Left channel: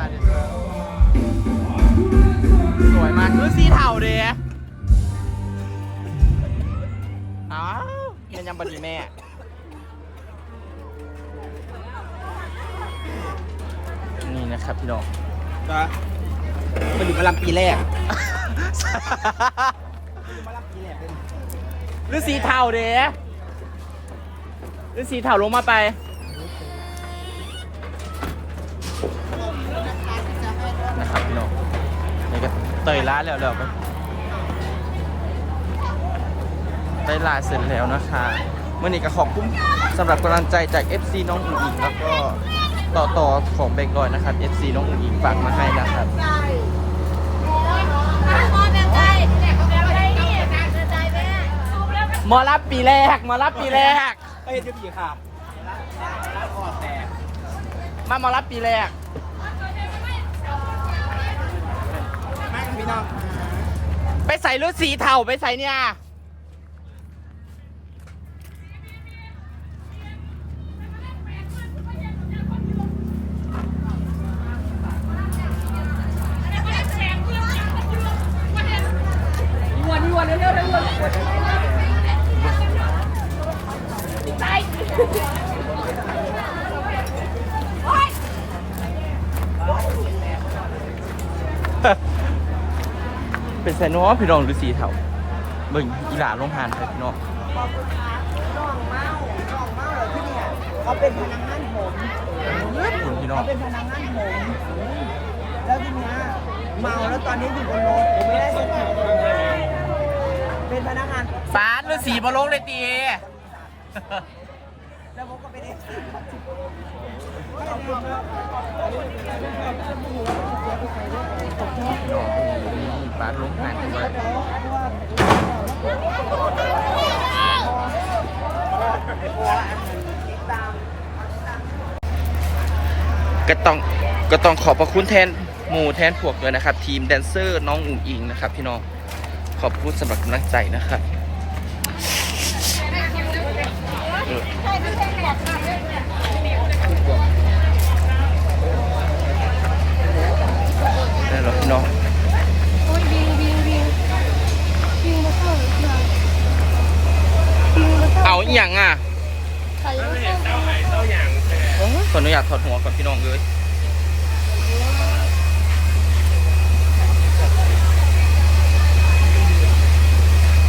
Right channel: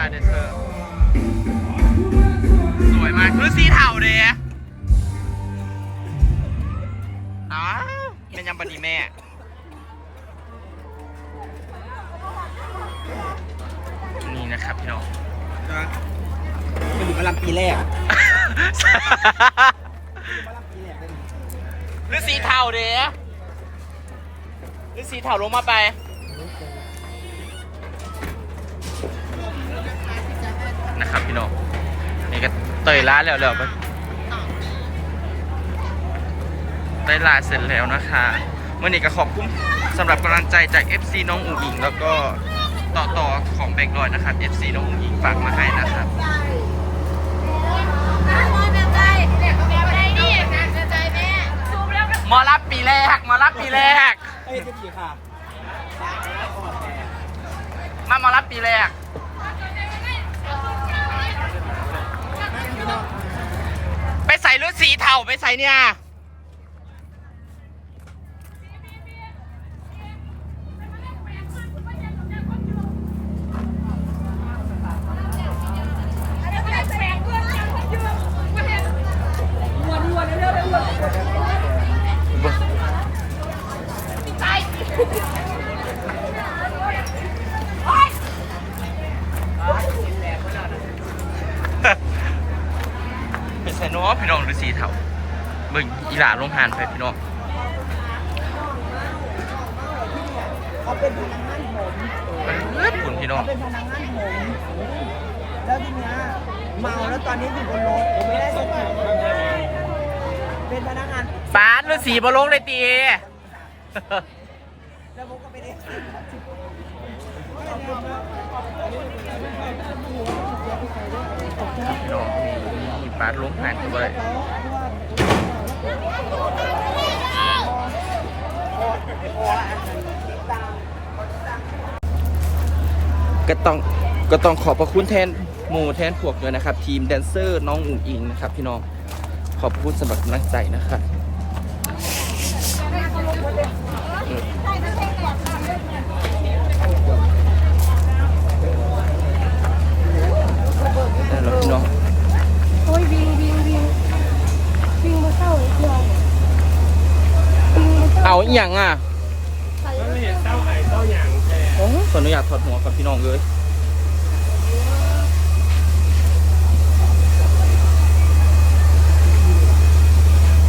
นี่นะคะเดนเซอร์สวยมากคือสีเทาเดียอ้าวเป็นยังบันดีแม่นี่นะครับพี่น้องเป็นกำลังปีแรกกำลังปีแรกเป็นหรือสีเทาเด้หรือสีเทาลงมาไป นะครับพี่น้องนี่ก็เตยร้านแล้วแล้วไปได้ลาเสร็จแล้วนะคะเมื่อนี้ก็ขอบคุณสำหรับกำลังใจจาก FC น้องอุ๋งอิงแล้วก็ต่อต่อของเบงดอยนะครับ FC น้องอุ๋งอิงฝากมาให้นะครับหมอรับปีแรกหมอรับปีแรกเอ้ยจะปีขามคอแตกมาหมอรับปีแรก แม่กัน พี่น้อง ไปใส่รถสีเทาไปใส่เนี่ย พี่น้องหรือสีเทาเบิ่งอีหลาลงหานไปพี่น้องเขาเป็นพนักงานผมเอ้ยคุณพี่น้องเขาเป็นพนักงานผมแล้วทีเนี้ยเมาแล้วตอนนี้อยู่บนรถผมไม่ได้สติเป็นพนักงานปาดหรือสีบอลงเลยตีแล้วผมก็เป็นเอฟซีพี่ น้องมีปาลงหานกันเลยก็ต้องก็ต้องขอบพระคุณแทนหมู่แทนพวกด้วยนะครับ ทีมแดนเซอร์น้องอุ๋งอิงนะครับ พี่น้องขอบพระคุณสำหรับกำลังใจนะครับเออได้แล้วพี่น้อง โอ้ยวิ่งวิ่งวิ่งวิ่งมาเข้าเพื่อนวิ่งมาเข้า เอาอีหยังอะใส่ขออนุญาตถอดหัวกับพี่น้องเลย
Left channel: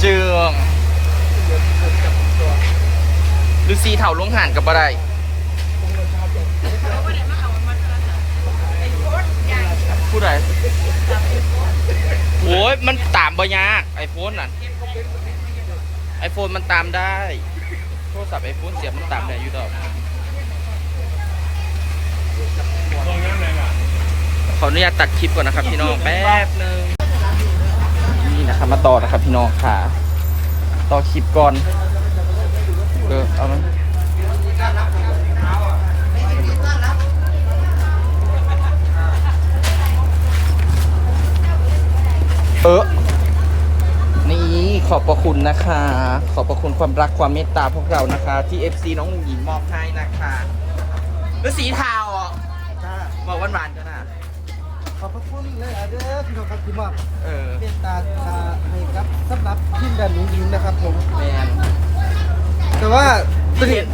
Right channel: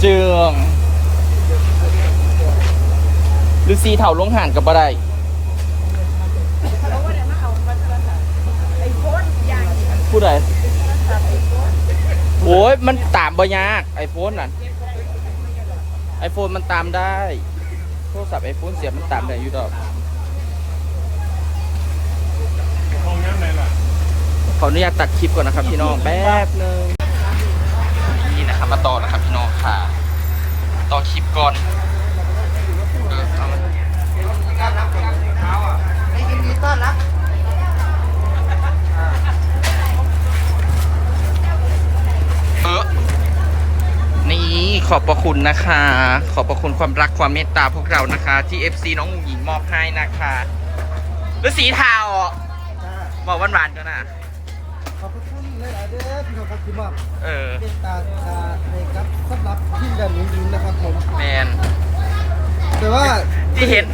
เจืองลูซีเถ่าลงห่านกับบ่ได้ผู้ใดโอ้ยมันตามบ่ยากไอโฟนน่ะไอโฟนมันตามได้โทรศัพท์ไอโฟนเสียบมันตามได้อยู่ดอกขออนุญาตตัดคลิปก่อนนะครับพี่น้องแป๊บหนึงนี่นะครับมาต่อนะครับพี่น้องค่ะ ต่อคลิปก่อนเออเอามันเออนี่ ขอบพระคุณนะคะ ขอบพระคุณความรักความเมตตาพวกเรานะคะ ที่ FC น้องอุ๋งหญิงมอบให้นะคะแล้วสีเทาอะจ้าบอกหวานๆกันนะขอบพระคุณเลยอะเด้อพี่น้องครับที่มอบเออ เมตตาให้ครับสำหรับทีมแดนหนุ่งยิงนะครับผม แมนแต่ว่าที่เห็น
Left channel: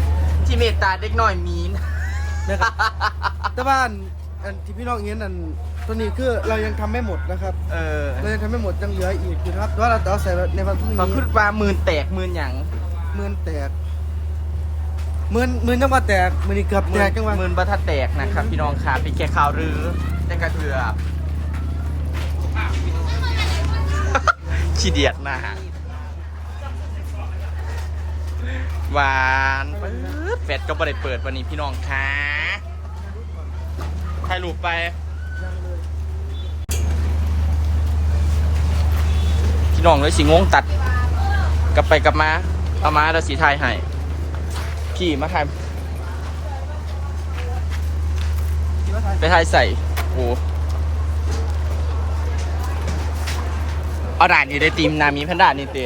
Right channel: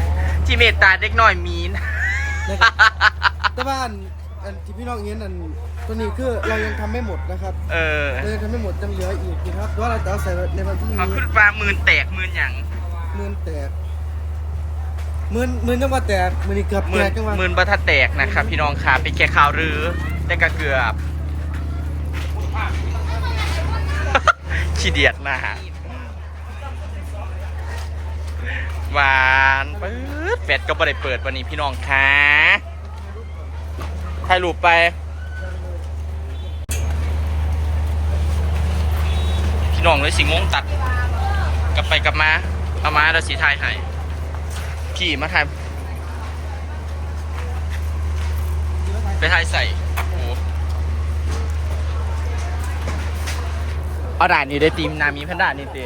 ที่เมตตาเด็กน้อยมีน นะครับแต่ว่า อันอันที่พี่น้องเห็นอันตัวนี้คือเรายังทำไม่หมดนะครับ เออเรายังทำไม่หมดยังเหลืออีกนะครับแต่ว่าเราจะเอาใส่ในวันพรุ่งเขานี้ขึ้นมาหมื่นแตกหมื่นหยังหมื่นแตกหมื่นหมื่นจังหวะแตกหมื่นนี่เกือบหแตมื่นกจังหวะหมื่นบัทัดแตกนะครับ พี่น้องค่ะเป็นแค่ข่าวรือแต่ก็เกือบขี้เดียดหน้าหวานปื๊ดแฟดก็บ่ได้เปิดวันนี้พี่น้องค่ะ ถ่ายรูปไป พี่น้องเลยสิงงตัด กลับไปกลับมาเอามาแล้วสีไทยให้พี่มาถ่ายไทยไปถ่ายใส่โอ้เอาด่านนี้ได้ตีมนามีแพนด้านี่เตะ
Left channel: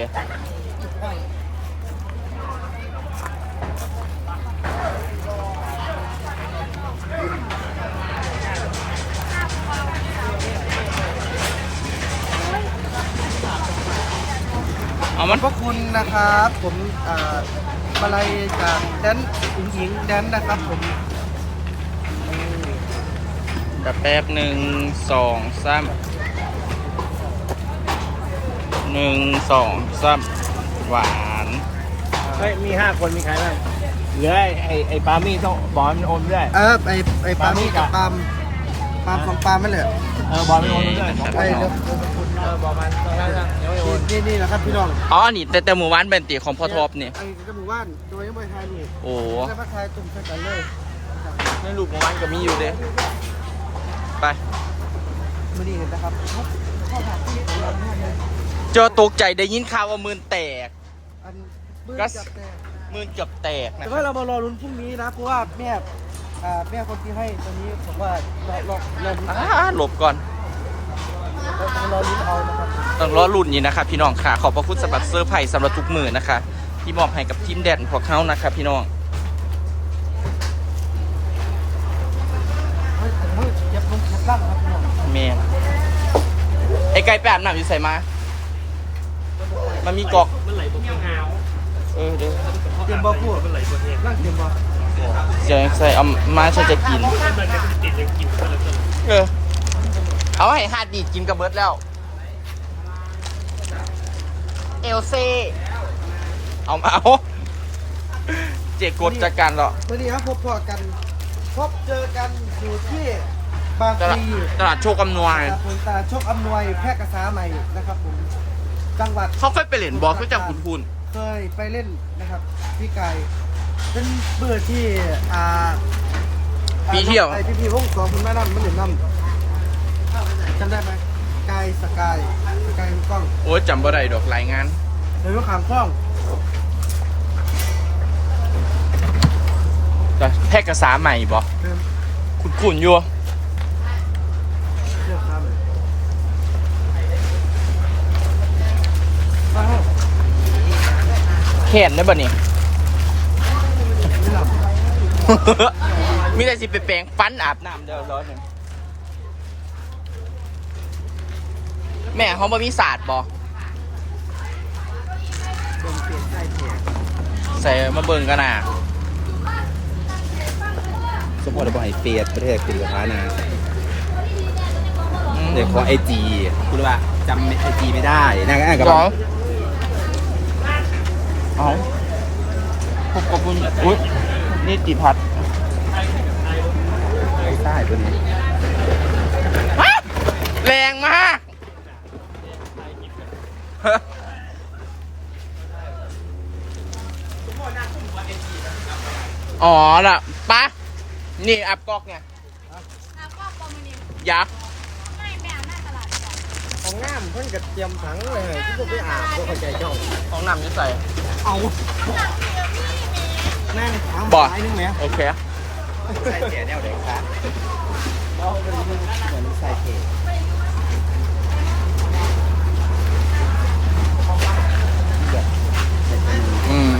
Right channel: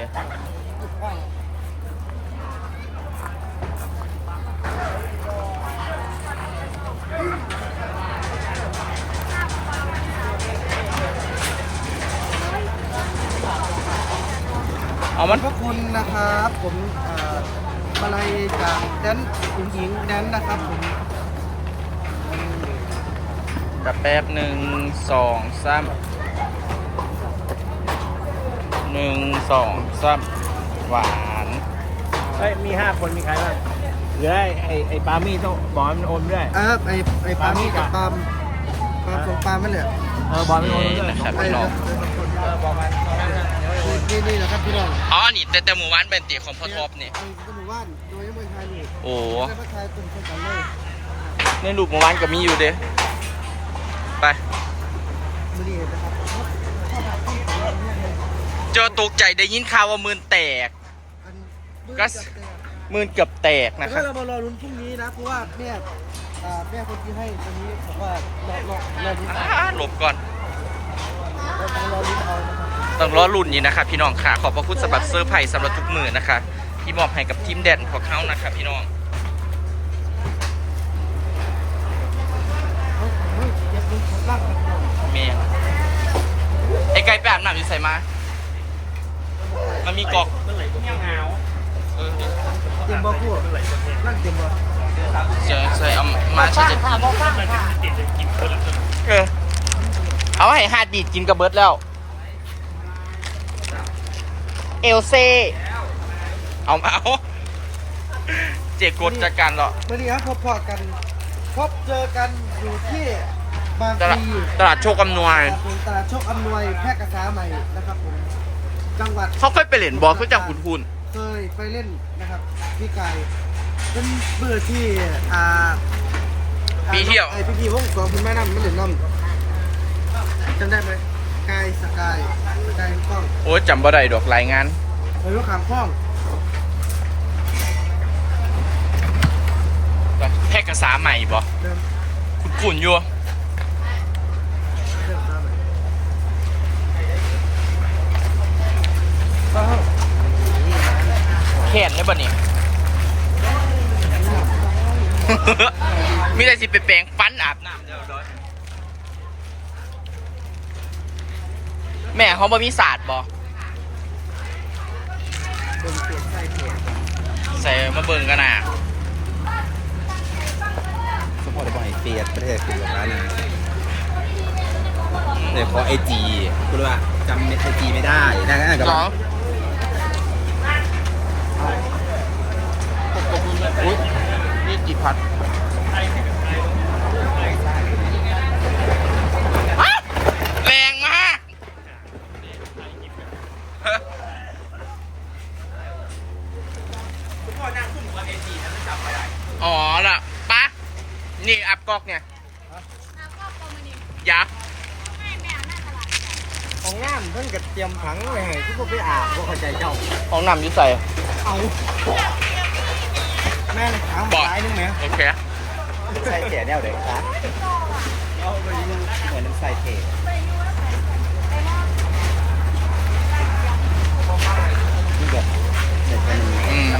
เอามัน ขอบพระคุณนะครับ ผมอ่ามาลัยจากแดนอุ๋งหญิงแดนนะครับผมนี่กระแป๊บหนึ่งสองสามหนึ่งสองสามหวาน เฮ้ยมีห้าคนมีใครบ้างเหลือไอ้ไอ้ปามี่ต้องบอลโอนด้วยเออไอไอปาล์มกับปาล์มปาล์มของปาล์มไม่เหลือเอาบอลโอโอเคนด้วยนะครับ ไอ้พี่น้อง นี่นี่แหละครับพี่น้องอ๋อนี่แต่แต่หมู่บ้านเป็นตีของพ่อทบนี่ไอ้กหมู่บ้านโดยยังไม่ทายนี่โอ้ไม่มาทายตุ่มใส่กันเลยในรูปหมู่บ้านก็มีอยู่เด้ไปมือดีนะครับครับข้อถามต้นของเราเนี่ยเลยเจอตกใจได้ยินข่าวว่ามืนแตกอันมือก็จับแตกมืนเกือบแตกแต่นะคก็รับเรามารอลุ้นพรุ่งนี้นะเพราะว่าแม่อ่าแม่คนที่ให้ตอนนี้บอกว่ารอรอรอลุ้นอ่าหลบก่อนเราจะรอลุ้นเอานะครับต้องรอรุ่นนี้นะครับพี่น้องค่ะ ขอบพระคุณสำหรับเซอร์ไพรส์สำหรับทุกมือนะคะ ที่มอบให้กับทีมแดนของเขานะครับพี่น้องเฮ้ยเฮ้ยเจ็บลงเจ็บล่างครับพี่น้องเมนไอ้ไก่ไปอาบน้ำอยู่ใส่มา มันมีกอกเมื่อไหร่ตัวพี่หนาวเออเดี๋ยวเจ็บบ่พูดร่างเจ็บบ่เจะใส่เอามาใช้จะกินติดจะกินคนละคนเออ เอาให้ฮาดบีดกินกับเบิร์ดแล้ว เอลเซ่เอามาเอาเจกดจากกันเหรอวันนี้ครับพบพอกัน พบเจอกันอยู่ที่บางตพลาดลีตลาดโชคอำนวยครับผมตาโชคอำนวยแพร่กษาใหม่นะครับผม จังหวัด เขาเคยไปเล่นบอลเขาจังคุณคุณเคยไปเล่นนะครับ พี่ไก่เป็นเบื่อที่อ่าปีเที่ยวไอพี่พี่วงสองคุณแม่น้ำมันเหรียญน้ำ จำได้ไหมกายสกายสกายกล้องโอ้ยจำบ่ได้ดอกรายงานเลยว่าขามคล้องแพร่กษาใหม่บอเดิมคุณคุณอยู่ เรื่องขามเลยว้าวเห็นได้บ่นี่ นี่หลับ มีแต่สิไปแปลงฟันอาบน้ำเดี๋ยวรอฉัน แม่เขาบ่มีศาสตร์บ่เป็นเปลี่ยนใจเขียนใส่มาเบิ่งกันน่ะสปอร์ตบอลไอเฟียสประเทศคือร้านนะเดี๋ยวขอไอจีคุณว่าจำไอจีไม่ได้นะก็กับจ้องเอาอุ๊ยนี่ติพัดแรงมาก อ๋อล่ะปะนี่ อับกอกเนี่ยยักษ์ของงานเพิ่นกับเตรียมถังไว้ให้ทุกคนไปอาบบ่เข้าใจเจ้า ของนำอยุ่ใส่เอาแม่งถามบอดหลายนึงไหมโอเคใส่แก่แนวเด็กเราไปดูเหมือนใส่เทอืม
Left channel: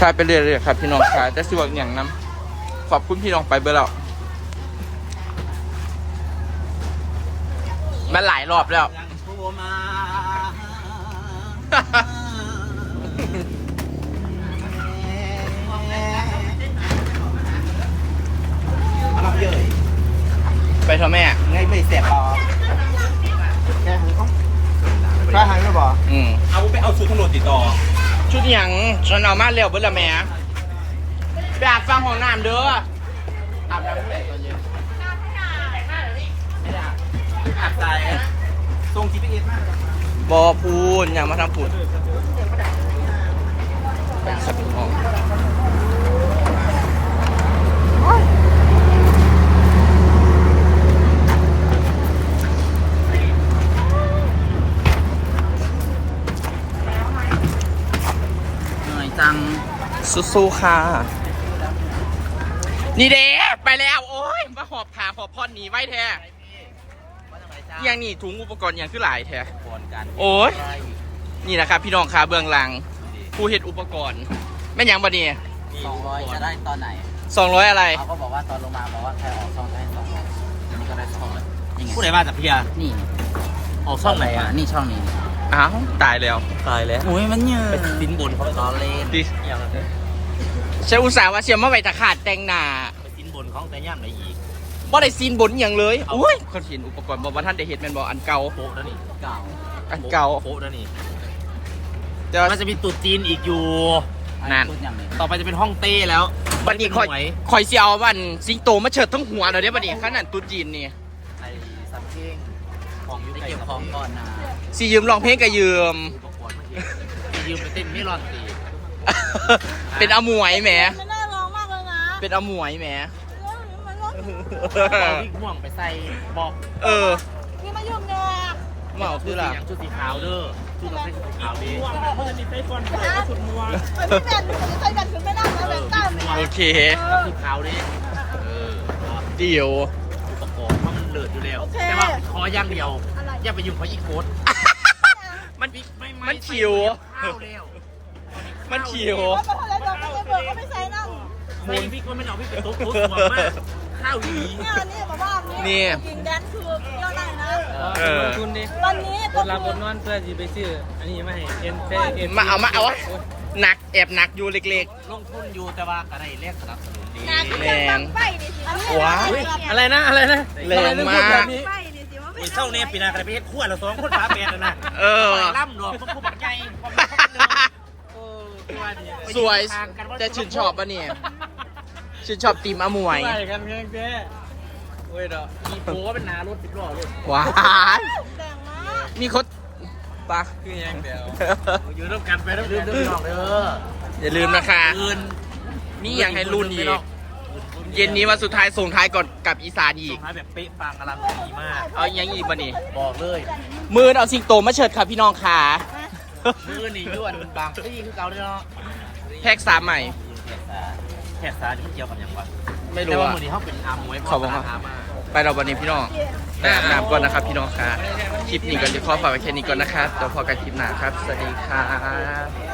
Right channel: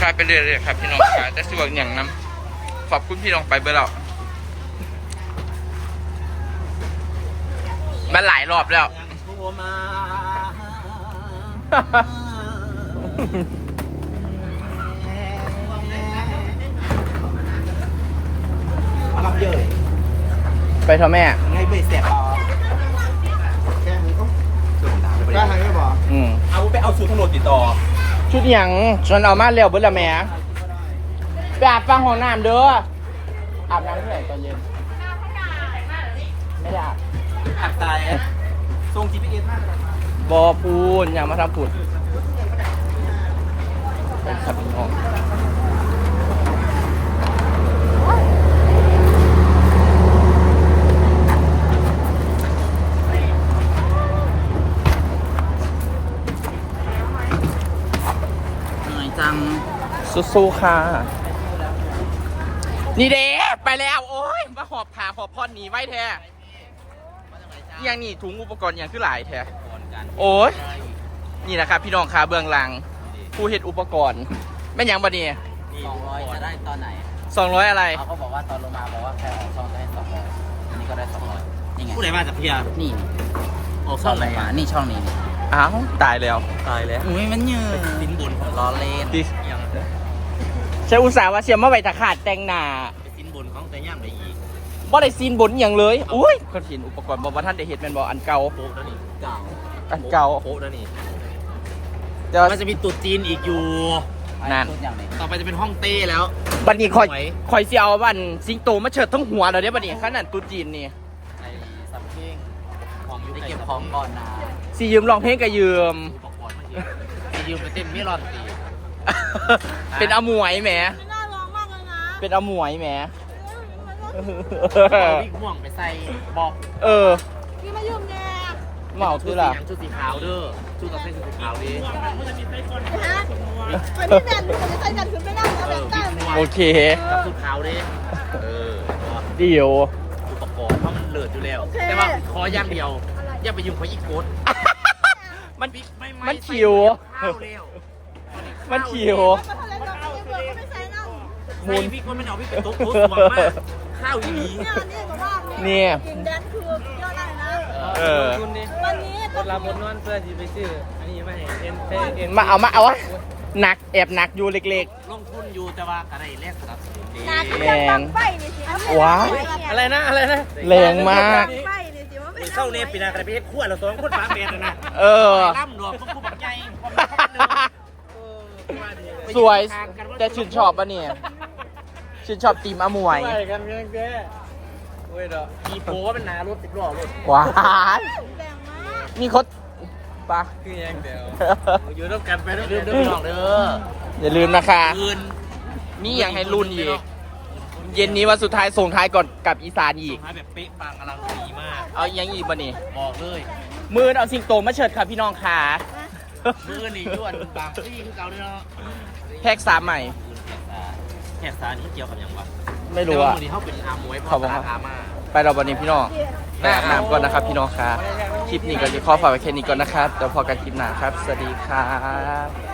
ขายไปเรื่อยๆครับพี่น้องขายแต่สิว่าอย่างน้ำข อบคุณพี่น้องไปเบอร์แล้วมันหลายรอบแล้วโทรมาเอามาเยอะไปเถอะแม่ ไงไม่เสร็จหรอแค่ผมก็ถ้าหายไม่บอกอืมเอาไปเอาสูตรตำรวจติดต่อ ชุดหยังฉันเอามาเร็วเบอร์ละแม่ ไปอาบฟังห้องน้ำเด้ออาบน้ำเมื่อไหร่ตอนเย็นไม่ได้อาบอัดตายทรง GPS มากบอพูนอย่ามาทำพูนไปขับน้องเหนื่อยจังสู้ๆค่ะ นี่เด้ไปแล้วโอ้ยมาหอบถาหอบพอดหนีไว้แท้อยังนี่ถุงอุปกรณ์อยังคือหลายแท้ก่อนกันโอ้ยนี่นะครับพี่น้องคาเบื้องหลังผู้เฮ็ดอุปกรณ์แม่นหยังบ่นี่สองร้อยจะได้ตอนไหนสองร้อยอะไรเขาก็บอกว่าตอนลงมาบอกว่าใครออกซ่อนก็ให้สองร้อยอันนี้ก็ได้สองร้อยนี่ไงผู้ใดมาจากพยานี่ออกซ่ช่ออนงเลไหนยวนี่ช่องนี้นี่อ้าวตายแล้วตายแล้วอุ้ยมันเยอะสินบนเขาล้อเล่นดิอย่างนั้น ฉันอุตส่าห์ว่าเชียร์มาไว้ตะขาดแต่งหน้าสินบนเขาแต่ย่ำไหนอีกบ่ได้ซีนบนอย่างเลยอุ้ยคนเห็นอุปกรณ์บ่ว่าท่านได้เห็นแมันบ่อันเก่าโป๊ะนั่นนี่เก่าอันเก่าโป๊ะนั่นนี่แต่ว่ามันจะมีตุ๊ดจีนอีกอยู่นั่นต่อไปจะเป็นห้องเต้แล้วบัดนี้คอยสวยคอยสิเอาวันสิงโตมาเฉิดทั้งหัวเราเด้บัดนี้ขนาดตุ๊จีนนี่ไอ้ซัมเพ่งของยูไก่เก็บของก่อนนะสิยืมร้องเพลงก็ยืมดูประกวดเมื่อกี้ยืมไปเต้นไม่ลองตี เป็นอมวยแหม มันน่าร้องมากเลยนะเป็นอมวยแหมมันก็เอาวิกม่วงไปใส่บอกเออพี่มายุ่งแกเมาคือล่ะชุดสีขาวเด้อชุดกับเส้นสีขาวดิฮะมันไม่แบนถึงใครแบนถึงไม่ได้แล้วแบนตั้มโอเค กับชุดขาวดิเออเดี๋ยวชุดประกอบมันเลิศอยู่แล้ว แต่ว่าขออย่างเดียว อย่าไปยุ่งเขาอีกโคตรมันมันขิวข้าวเร็ว มันขิวแล้วมาทะเลเราไม่เปิดก็ไม่ใช่นั่งหมุนพี่ก็ไม่เอาพี่ไปตุ๊บตุ๊บหัวมากข้าวอีเนี่ยนี่แบบว่าเนี่ย กินแดนคืออะไรนะ เออวันนี้ก็เราคืบอ นนอนเพื่อที่ไปซื้ออันนี้มาให้เอ็มแค่เอ็มมาเอามาเอาวะหนักแอบหนักอยู่เล็กลงทุนอยู่แต่ว่าก็ได้แลกสนับสนุนดีๆแมนไฟนี่สิอันนี้ว้าวอะไรนะอะไรนะแรงมากไฟนี่สิว่ามีเป็นเข้าเนปีนาประเภทขั้วละสองพูดฟ้าเมียนะเออ ล่ำหนอกต้องพูดแบบไง สวยแต่ชื่นชอบปะเนี่ยชื่นชอบตีมอมวยใช่กันเงี้ยเจ๊โอ้ยดอกมีโป้เป็นนารถติดล้อรถหวานแรงมากมีคนปะคือยังเดียวอยู่ร่วมกันไปแล้วดื่มดื่มเด้ออย่าลืมนะคะคืนนี่ยังให้รุ่นอีกเย็นนี้วันสุดท้ายส่งท้ายก่อนกลับอีสานอีสุกดท้ายแบบเป๊ะปังอลังดีมาก เอายังอีกบ่นี่บอกเลย มือเอาสิงโตมาเฉิดค่ะพี่น้องค่ะมือนี่ยวนบางที่ที่เราเนี่ยเนาะ แพ็กสามใหม่ แขกตาแขกตานี่มันเกี่ยวกับอย่างวะไม่แต่รู้ว่าอะ มือนี้เขาเป็นอามวยเขาบอกว่าอามาไปเราวันนี้พี่น้องไปอาบน้ำก่อนนะครับ พี่น้องค่ะคลิปนี้ก็จะขอฝากไว้แค่นี้ก่อนนะครับเดี๋ยวพอกันคลิปหน้าครับ สวัสดีครับ